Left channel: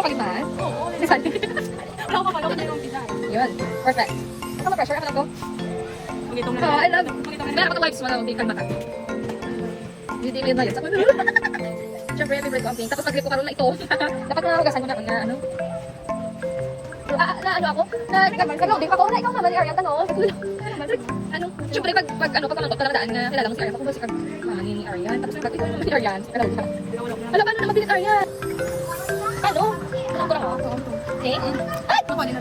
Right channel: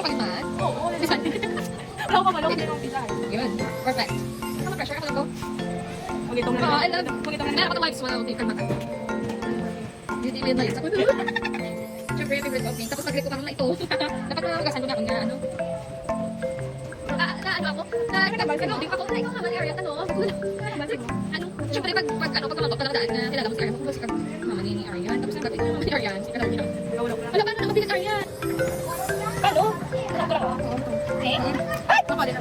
Ano kayo man? Oo. Bisan. Wala ko pa lang yung pizza. Yun. Perfect. Ano pressure? Ano to? Magitong na. I love it. Magitong na. Meron ako wipes mo na hindi kalmata. Hindi yun na yun. Siyempre yung favorite ko ang pink. Tapos nag-grip ko karoon na ito. Dapat nagasan ko na kung na ano. Na ano ako? Nag-loading ako. Na ikaw naman yung area. Tanong. Ano? Siyempre pag ano, pag kamantok, pala daan na kilala mo si Arian. Pag si Arian. Tapos nag-grip si Arian. Si Arian. Alam, paano na mabilis Arian? Paano? Ano ko lang ako? Okay. Ay! Ano ko din?